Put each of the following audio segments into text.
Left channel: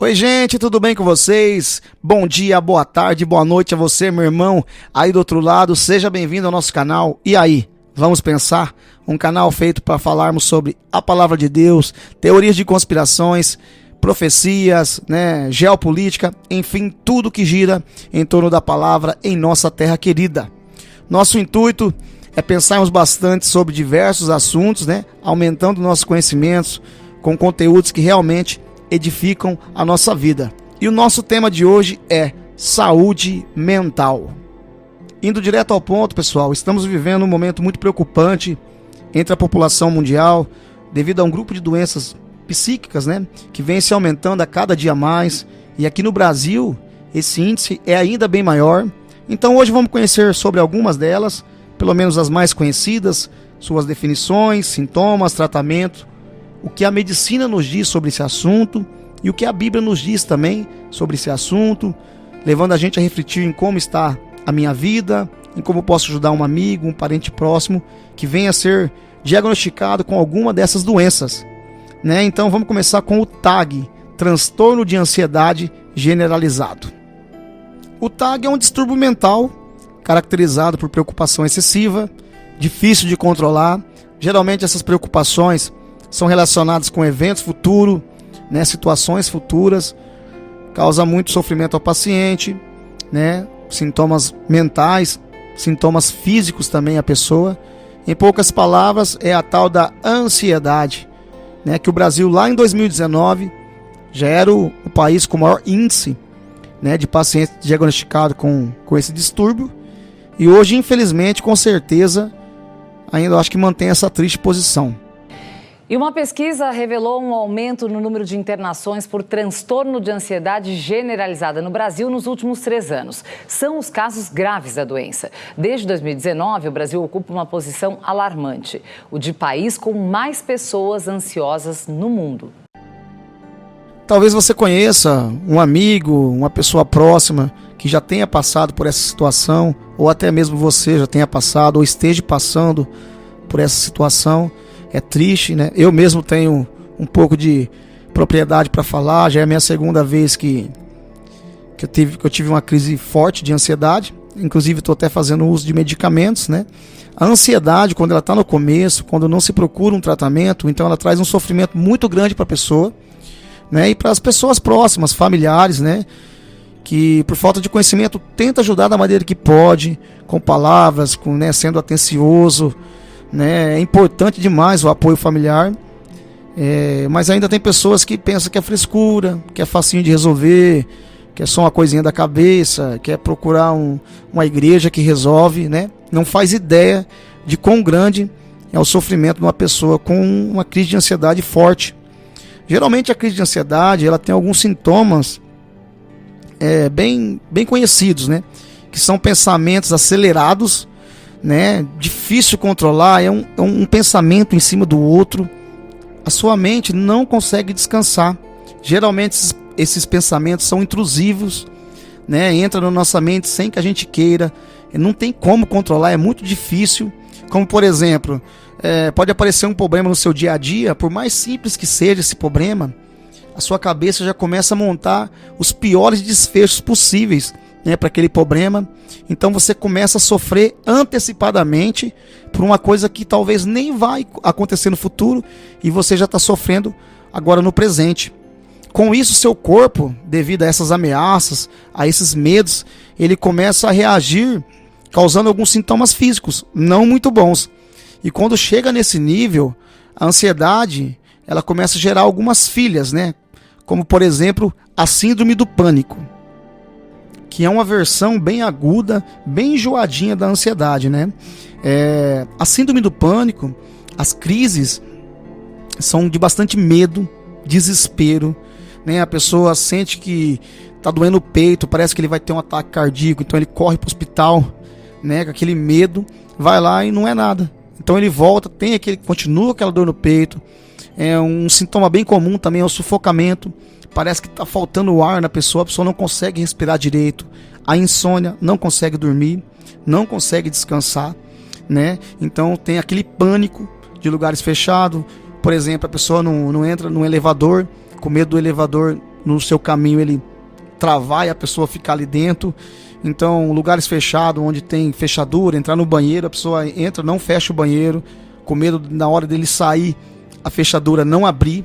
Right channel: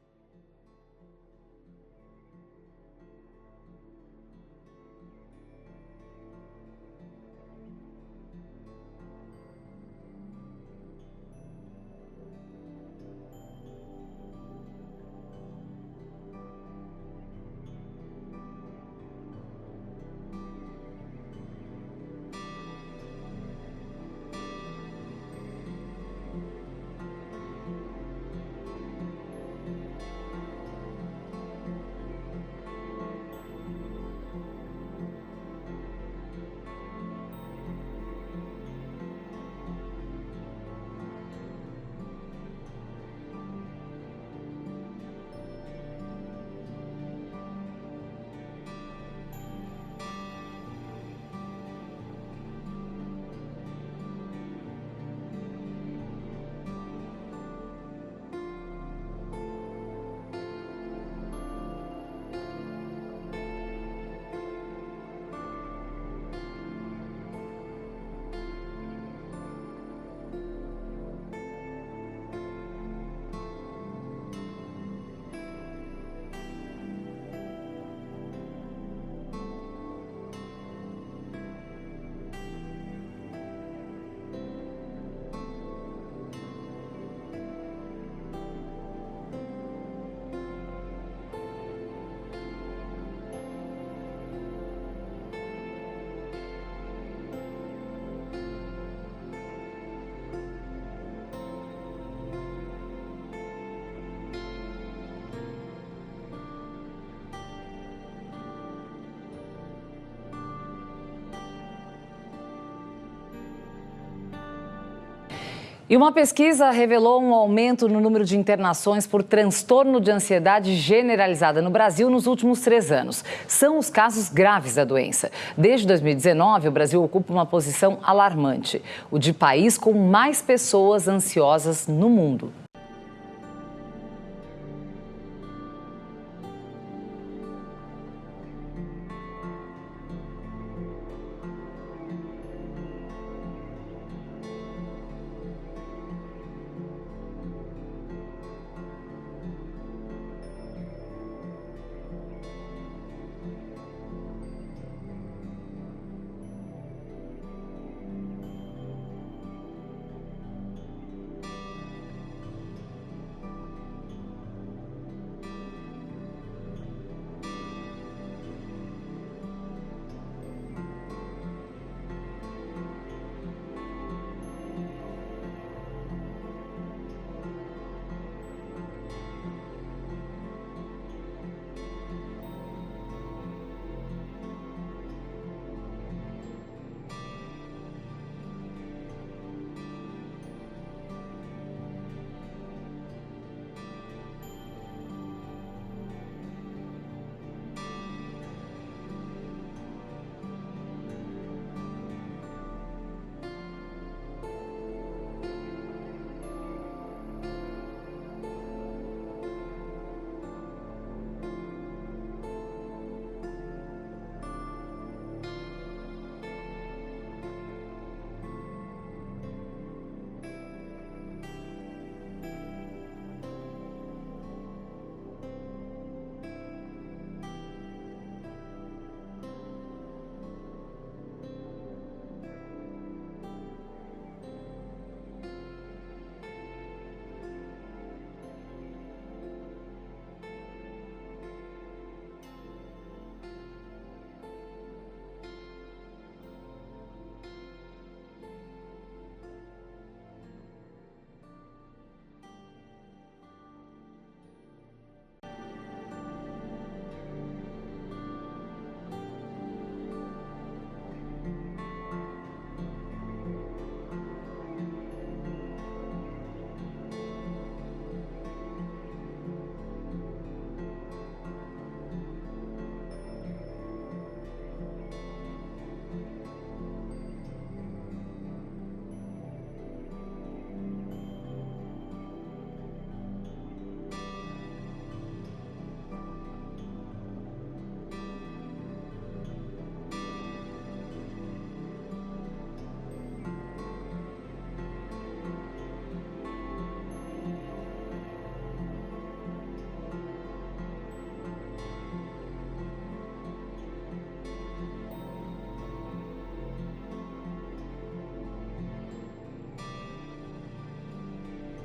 Oi, gente, tudo bem com vocês? Bom dia, boa tarde, boa noite a você, meu irmão, aí do outro lado. Seja bem-vindo ao nosso canal. E aí, vamos pensar? Um canal feito para falarmos sobre a palavra de Deus, teorias de conspirações, profecias, geopolítica, enfim, tudo que gira em torno da palavra em nossa terra querida. Nosso intuito é pensarmos bastante sobre diversos assuntos, aumentando nossos conhecimentos com conteúdos que realmente edificam a nossa vida. E o nosso tema de hoje é saúde mental. Indo direto ao ponto, pessoal, estamos vivendo um momento muito preocupante entre a população mundial devido a um grupo de doenças psíquicas, que vem se aumentando a cada dia mais. E aqui no Brasil, esse índice é ainda bem maior. Então hoje vamos conhecer sobre algumas delas, pelo menos as mais conhecidas, suas definições, sintomas, tratamento, o que a medicina nos diz sobre esse assunto e o que a Bíblia nos diz também sobre esse assunto, levando a gente a refletir em como está a minha vida, em como posso ajudar um amigo, um parente próximo que venha a ser diagnosticado com alguma dessas doenças. Então vamos começar com o TAG, transtorno de ansiedade generalizado. O TAG é um distúrbio mental caracterizado por preocupação excessiva, difícil de controlar. Geralmente essas preocupações são relacionadas com eventos futuros, situações futuras, causa muito sofrimento ao paciente, sintomas mentais, sintomas físicos também à pessoa. Em poucas palavras, é a tal da ansiedade, que o Brasil lá em 2019 já era o país com o maior índice de pacientes diagnosticados com esse distúrbio, e hoje, infelizmente, com certeza, ainda acho que mantém essa triste posição. E uma pesquisa revelou um aumento no número de internações por transtorno de ansiedade generalizada no Brasil nos últimos 3 anos. São os casos graves da doença. Desde 2019, o Brasil ocupa uma posição alarmante, o de país com mais pessoas ansiosas no mundo. Talvez você conheça um amigo, uma pessoa próxima que já tenha passado por essa situação, ou até mesmo você já tenha passado ou esteja passando por essa situação. É triste, Eu mesmo tenho um pouco de propriedade para falar. Já é a minha segunda vez que eu tive uma crise forte de ansiedade. Inclusive estou até fazendo uso de medicamentos, A ansiedade, quando ela está no começo, quando não se procura um tratamento, então ela traz um sofrimento muito grande para a pessoa, e para as pessoas próximas, familiares, que por falta de conhecimento tenta ajudar da maneira que pode, com palavras, sendo atencioso. É importante demais o apoio familiar, mas ainda tem pessoas que pensam que é frescura, que é facinho de resolver, que é só uma coisinha da cabeça, que é procurar uma igreja que resolve, Não faz ideia de quão grande é o sofrimento de uma pessoa com uma crise de ansiedade forte. Geralmente a crise de ansiedade ela tem alguns sintomas bem conhecidos, que são pensamentos acelerados, difícil controlar, é um pensamento em cima do outro. A sua mente não consegue descansar. Geralmente esses pensamentos são intrusivos, entra na nossa mente sem que a gente queira, não tem como controlar, é muito difícil. Como por exemplo, pode aparecer um problema no seu dia a dia, por mais simples que seja esse problema, a sua cabeça já começa a montar os piores desfechos possíveis, para aquele problema. Então você começa a sofrer antecipadamente por uma coisa que talvez nem vai acontecer no futuro e você já está sofrendo agora no presente. Com isso, seu corpo, devido a essas ameaças, a esses medos, ele começa a reagir, causando alguns sintomas físicos não muito bons. E quando chega nesse nível, a ansiedade ela começa a gerar algumas filhas, como por exemplo a síndrome do pânico, que é uma versão bem aguda, bem enjoadinha da ansiedade, A síndrome do pânico, as crises são de bastante medo, desespero, A pessoa sente que está doendo o peito, parece que ele vai ter um ataque cardíaco, então ele corre para o hospital, com aquele medo, vai lá e não é nada. Então ele volta, continua aquela dor no peito. É um sintoma bem comum também é o sufocamento. Parece que está faltando ar na pessoa, a pessoa não consegue respirar direito. A insônia, não consegue dormir, não consegue descansar, Então tem aquele pânico de lugares fechados. Por exemplo, a pessoa não entra no elevador, com medo do elevador no seu caminho ele travar e a pessoa ficar ali dentro. Então, lugares fechados, onde tem fechadura, entrar no banheiro, a pessoa entra, não fecha o banheiro, com medo na hora dele sair, a fechadura não abrir.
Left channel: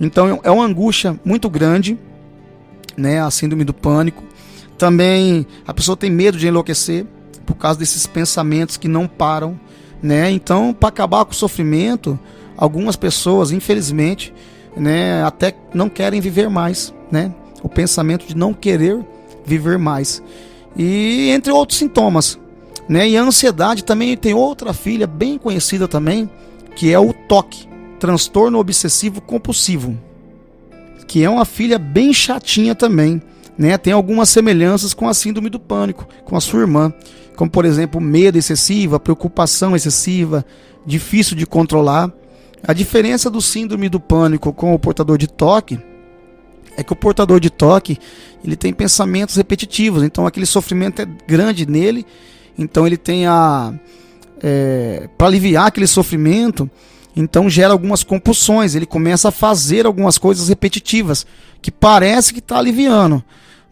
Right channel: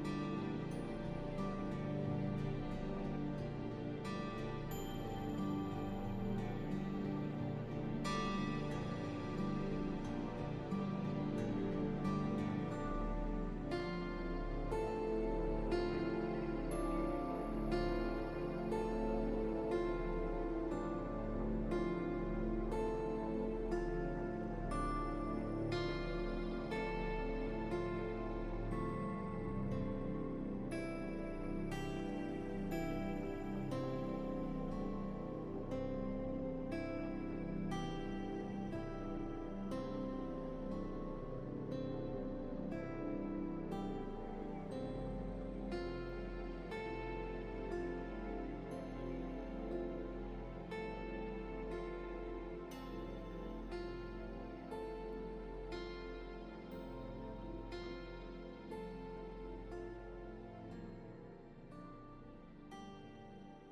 Então, é uma angústia muito grande, né, a síndrome do pânico. Também, a pessoa tem medo de enlouquecer, por causa desses pensamentos que não param, né? Então, para acabar com o sofrimento, algumas pessoas, infelizmente, né, até não querem viver mais, né? O pensamento de não querer viver mais. E entre outros sintomas, né? E a ansiedade também tem outra filha bem conhecida também, que é o TOC, transtorno obsessivo compulsivo, que é uma filha bem chatinha também, né? Tem algumas semelhanças com a síndrome do pânico, com a sua irmã, como por exemplo, medo excessivo, preocupação excessiva, difícil de controlar. A diferença do síndrome do pânico com o portador de TOC é que o portador de TOC, ele tem pensamentos repetitivos, então aquele sofrimento é grande nele, então ele tem para aliviar aquele sofrimento, então gera algumas compulsões, ele começa a fazer algumas coisas repetitivas, que parece que está aliviando,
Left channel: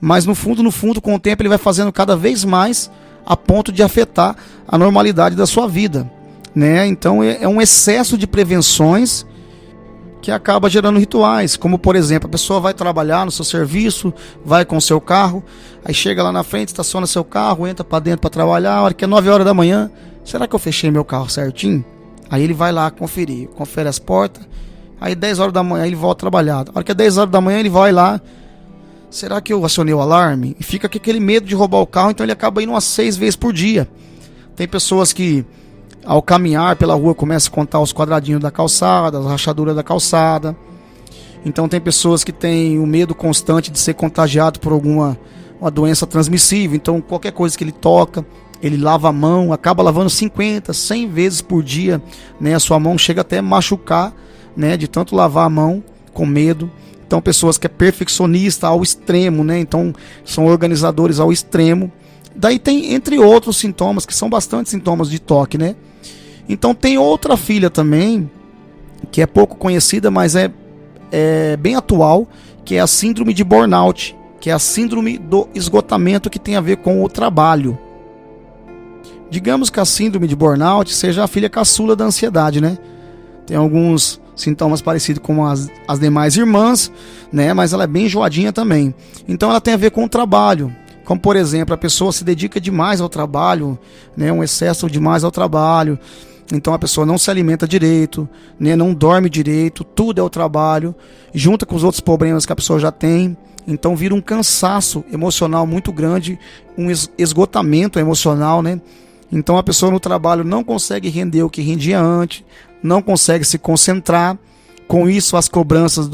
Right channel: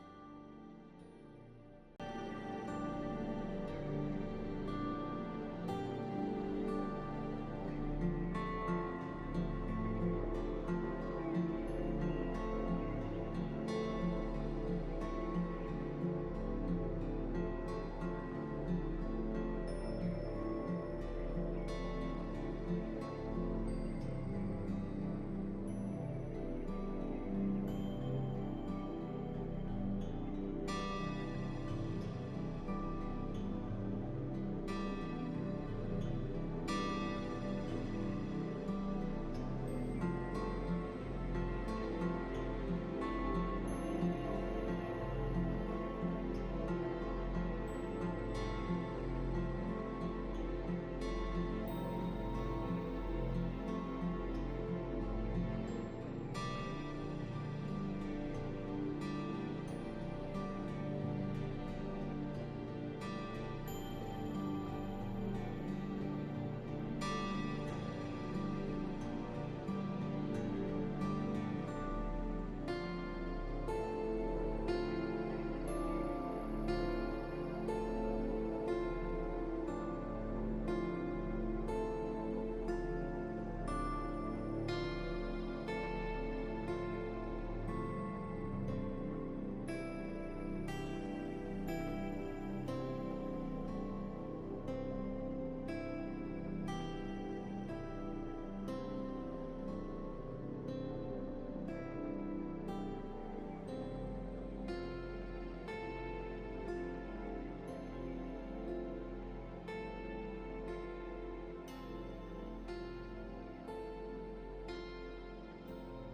mas no fundo, com o tempo ele vai fazendo cada vez mais, a ponto de afetar a normalidade da sua vida, né? Então é um excesso de prevenções que acaba gerando rituais, como por exemplo, a pessoa vai trabalhar no seu serviço, vai com o seu carro, aí chega lá na frente, estaciona seu carro, entra para dentro para trabalhar, a hora que é 9 horas da manhã, será que eu fechei meu carro certinho? Aí ele vai lá conferir, confere as portas, aí 10 horas da manhã ele volta a trabalhar, a hora que é 10 horas da manhã ele vai lá, será que eu acionei o alarme? E fica com aquele medo de roubar o carro, então ele acaba indo umas 6 vezes por dia. Tem pessoas que ao caminhar pela rua começa a contar os quadradinhos da calçada, as rachaduras da calçada. Então tem pessoas que têm o medo constante de ser contagiado por uma doença transmissível. Então qualquer coisa que ele toca, ele lava a mão, acaba lavando 50, 100 vezes por dia, né? A sua mão chega até a machucar, né? De tanto lavar a mão com medo. Então pessoas que é perfeccionista ao extremo, né? Então são organizadores ao extremo. Daí tem entre outros sintomas, que são bastante sintomas de TOC, né? Então tem outra filha também, que é pouco conhecida, mas é bem atual, que é a síndrome de burnout, que é a síndrome do esgotamento que tem a ver com o trabalho. Digamos que a síndrome de burnout seja a filha caçula da ansiedade, né? Tem alguns sintomas parecidos com as demais irmãs, né? Mas ela é bem enjoadinha também. Então ela tem a ver com o trabalho. Como por exemplo, a pessoa se dedica demais ao trabalho, né? Um excesso demais ao trabalho. Então a pessoa não se alimenta direito, né? Não dorme direito, tudo é o trabalho, junta com os outros problemas que a pessoa já tem. Então vira um cansaço emocional muito grande, um esgotamento emocional, né? Então a pessoa no trabalho não consegue render o que rendia antes, não consegue se concentrar. Com isso as cobranças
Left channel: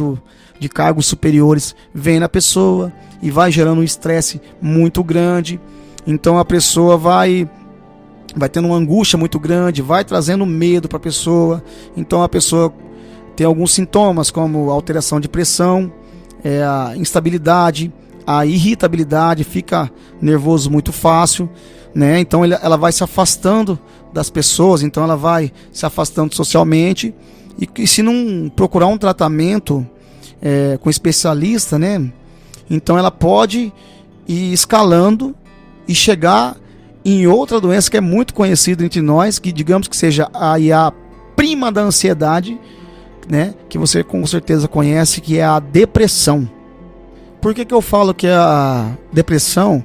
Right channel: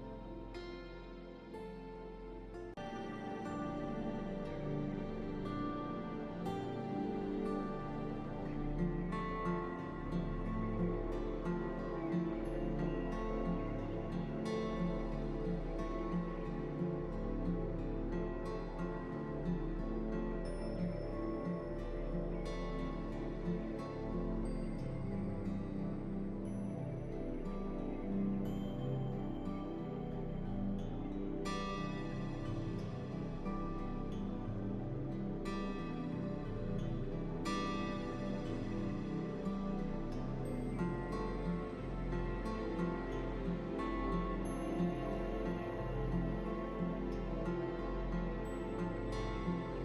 de cargos superiores vêm na pessoa e vai gerando um estresse muito grande. Então a pessoa vai tendo uma angústia muito grande, vai trazendo medo para a pessoa. Então a pessoa tem alguns sintomas como alteração de pressão, a instabilidade, a irritabilidade, fica nervoso muito fácil, né? Então ela vai se afastando das pessoas, então ela vai se afastando socialmente e se não procurar um tratamento com especialista, né? Então ela pode ir escalando e chegar em outra doença que é muito conhecida entre nós, que digamos que seja a prima da ansiedade, né? Que você com certeza conhece, que é a depressão. Por que eu falo que a depressão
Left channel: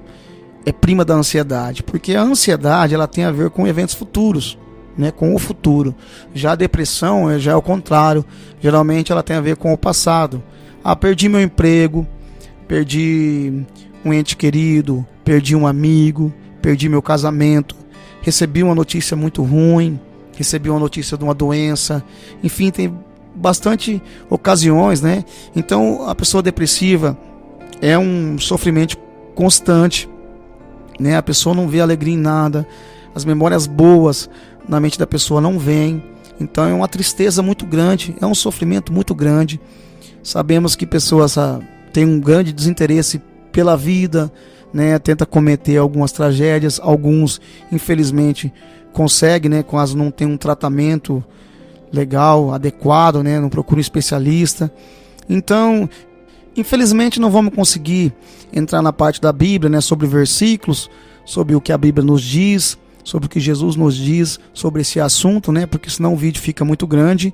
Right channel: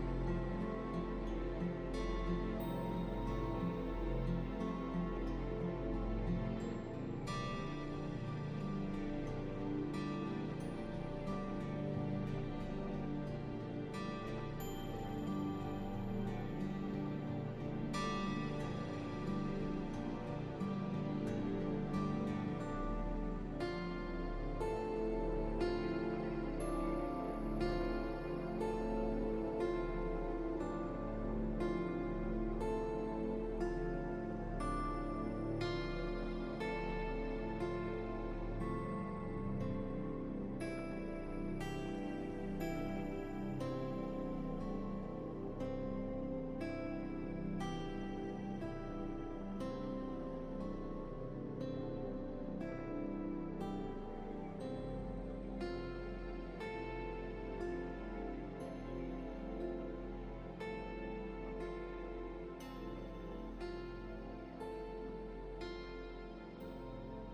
é prima da ansiedade? Porque a ansiedade ela tem a ver com eventos futuros, né? Com o futuro. Já a depressão já é o contrário. Geralmente ela tem a ver com o passado. Perdi meu emprego, perdi um ente querido, perdi um amigo, perdi meu casamento, recebi uma notícia muito ruim, recebi uma notícia de uma doença, enfim, tem bastante ocasiões, né? Então a pessoa depressiva é um sofrimento constante, né? A pessoa não vê alegria em nada, as memórias boas na mente da pessoa não vêm, então é uma tristeza muito grande, é um sofrimento muito grande. Sabemos que pessoas têm um grande desinteresse pela vida, né? Tenta cometer algumas tragédias, alguns infelizmente conseguem, né? Quase não tem um tratamento legal, adequado, né? Não procura um especialista. Então Infelizmente não vamos conseguir entrar na parte da Bíblia, né, sobre versículos, sobre o que a Bíblia nos diz, sobre o que Jesus nos diz sobre esse assunto, né, porque senão o vídeo fica muito grande.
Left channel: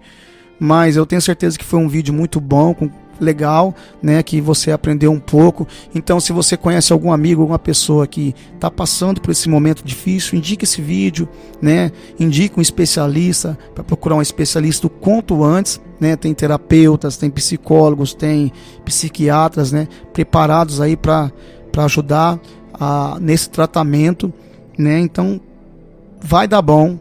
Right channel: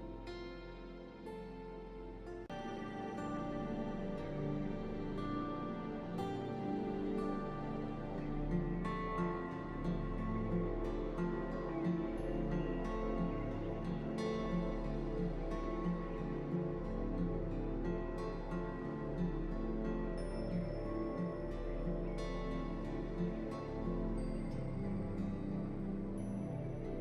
Mas eu tenho certeza que foi um vídeo muito bom, legal, né, que você aprendeu um pouco. Então, se você conhece algum amigo, alguma pessoa que está passando por esse momento difícil, indique esse vídeo, né, indique um especialista, para procurar um especialista o quanto antes, né, tem terapeutas, tem psicólogos, tem psiquiatras, né, preparados aí para ajudar nesse tratamento, né. Então, vai dar bom,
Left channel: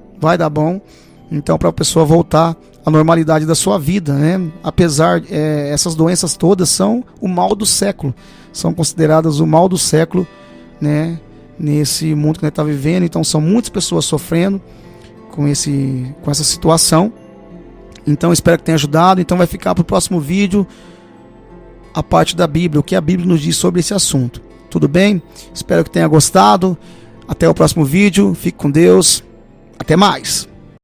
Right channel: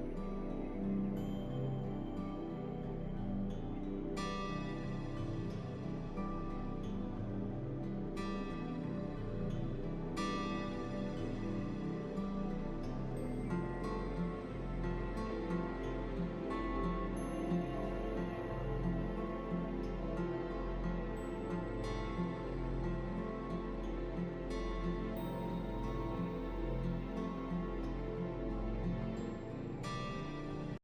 então, para a pessoa voltar a normalidade da sua vida, né? Apesar, essas doenças todas são o mal do século, são consideradas o mal do século, né? Nesse mundo que nós estamos vivendo. Então são muitas pessoas sofrendo com essa situação. Então espero que tenha ajudado. Então vai ficar para o próximo vídeo a parte da Bíblia, o que a Bíblia nos diz sobre esse assunto. Tudo bem? Espero que tenha gostado. Até o próximo vídeo. Fique com Deus. Até mais.